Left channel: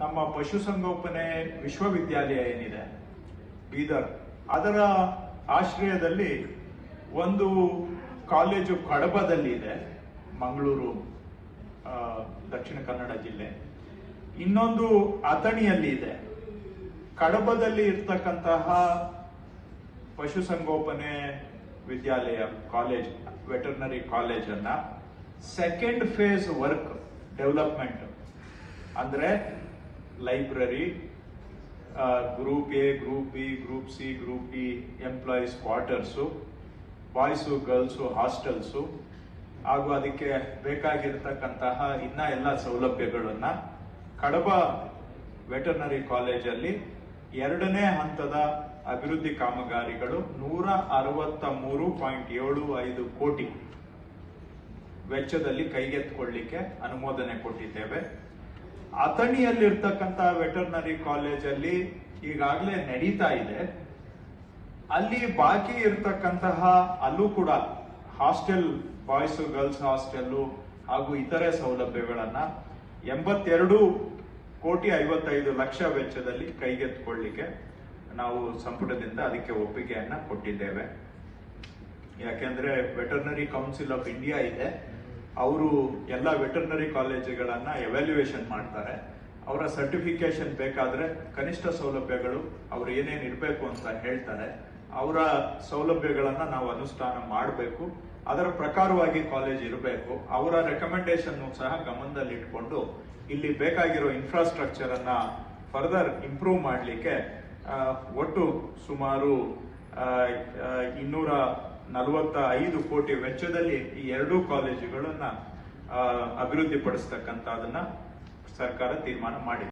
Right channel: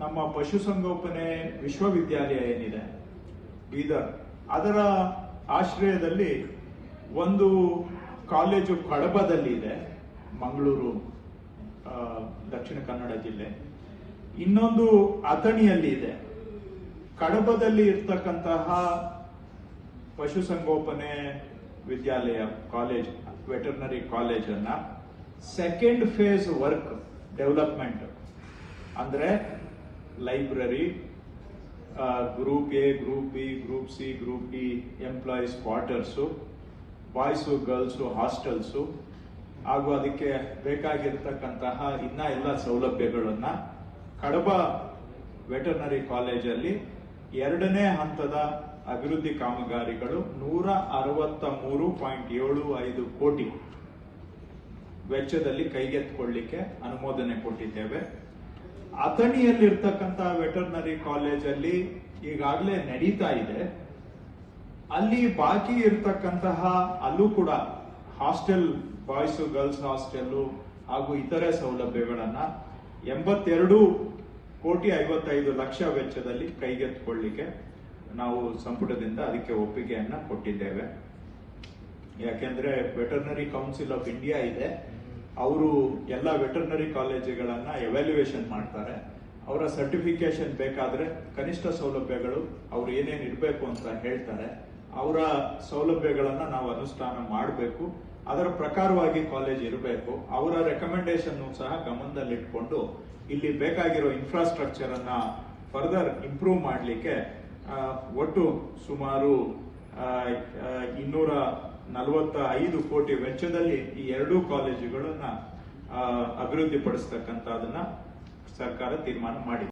ನಮ್ಮ ಪಶುಸಂಗೋಪನೆ ವಿಶ್ವವಿದ್ಯಾಲಯ ಏನಿದೆ ಬೀದರ್, ಅದರ ಆಶ್ರಯದಲ್ಲಿ ಒಂದು ಕಾಲೇಜು ಕಡಬದಲ್ಲಿ ಇದೆ, ಮಂಗಳೂರು ದಕ್ಷಿಣ ಕನ್ನಡ ಜಿಲ್ಲೆ. ಇನ್ನೊಂದು ಅಥಣಿಯಲ್ಲಿ ಇದೆ. ಕಡಬದಲ್ಲಿ ಇರ್ತಕ್ಕಂತಹ ಪಶುಸಂಗೋಪನೆ ವಿದ್ಯಾಲಯ ಕಾಲೇಜ್, ವೆಟರ್ನರಿ ಕಾಲೇಜ್ ಅನ್ನ ಸೆಕೆಂಡ್ ಫೇಸ್ ವರ್ಕ್ ಡೆವಲಪ್ಮೆಂಟ್ ಅಂದ್ರೆ library, group A, group B, group C, group D employees quarters, boys girls hostels ಹಾಗೂ ಅದಕ್ಕೆ ಬೇಕಾಗಿರ್ತಕ್ಕಂತಹ ಇನ್ನ ಎಲ್ಲ ಸೌಲಭ್ಯಗಳನ್ನ ಕಡಬ ವೆಟರ್ನರಿ ಕಾಲೇಜಲ್ಲಿ 2ನೇ ಹಂತದ ಅಭಿವೃದ್ಧಿ ಕಾಮಗಾರಿಗಳು 163.75 ಕೋಟಿ ವೆಚ್ಚದಲ್ಲಿ ಕೈಗೆತ್ತಿಕೊಳ್ಳಿಕ್ಕೆ ಅನುಮೋದನೆ ಕೊಟ್ಟಿದ್ದೇವೆ. ಅಥಣಿಯಲ್ಲಿರ್ತಕ್ಕಂತಹ ವೆಟರ್ನರಿ ಕಾಲೇಜಲ್ಲಿ ಈಗಾಗಲೇ ನಡೀತಾ ಇದೆ. ಅಲ್ಲಿ ಬಾಕಿ ಇರ್ತಕ್ಕಂತಹ ಅಲ್ಲೂ ಕೂಡ ಹಾಸ್ಟೆಲ್, ಬಾಯ್ಸ್ ಗರ್ಲ್ಸ್ ಹಾಸ್ಟೆಲ್ ಹಾಗೂ ಇತರೆ ಸೌಲಭ್ಯಗಳನ್ನ 82,55,00,000 ವೆಚ್ಚದಲ್ಲಿ ಕೈಗೆತ್ತಿಕೊಳ್ಳಿಕ್ಕೆ ನಾವು ಸಂಪುಟದಿಂದ ಅದಕ್ಕೆ ಒಪ್ಪಿಗೆಯನ್ನ ಕೊಟ್ಟಿದ್ದೇವೆ. ಯಾಕೆಂದ್ರೆ ವೆಟರ್ನರಿ ಕೌನ್ಸಿಲ್ ಆಫ್ ಇಂಡಿಯಾ ಇದೆ, ಅವರು ಎಲ್ಲ ವೆಟರ್ನರಿ ಕಾಲೇಜುಗಳನ್ನ ಎವ್ಯಾಲ್ಯೂಯೇಷನ್ ಮಾಡ್ತಾರೆ. ಅವರ ಸರ್ಟಿಫಿಕೇಶನ್ ಬೇಕಾದ್ರೆ ಕನಿಷ್ಠ ಸೌಲಭ್ಯಗಳು ಅವ್ರು ಏನೇನು ಇರಬೇಕು ಅಂತ ಹೇಳ್ತಾರೆ. ಅವರ ಸೌಲಭ್ಯಗಳನ್ನ ನಾವು ಅನುಷ್ಠಾನ ಮಾಡಬೇಕು, ಅದರ ಪ್ರಕಾರವಾಗಿ ಕಾಲೇಜ್ ಇರಬೇಕು. ಅವರ ರೆಕಮೆಂಡೇಶನ್ ಸಹ ಗಮನದಲ್ಲಿ ಇಟ್ಕೊಂಡು ಇಲ್ಲಿ ಬೇಕಾಗಿರೋ ಇನ್ಫ್ರಾಸ್ಟ್ರಕ್ಚರ್ ಅನ್ನ ಫರ್ದರ್ ಇಂಪ್ರೂವ್ ಮಾಡಲಿಕ್ಕೆ ಒಟ್ಟು ಸುಮಾರು 245 ಕೋಟಿ ವೆಚ್ಚದಲ್ಲಿ ಈ 2 ಕಾಲೇಜುಗಳನ್ನ ಅಭಿವೃದ್ಧಿ ಪಡಿಸ್ತಕ್ಕಂಥದನ್ನ ಸರ್ಕಾರ ತೀರ್ಮಾನ ಮಾಡಿದೆ.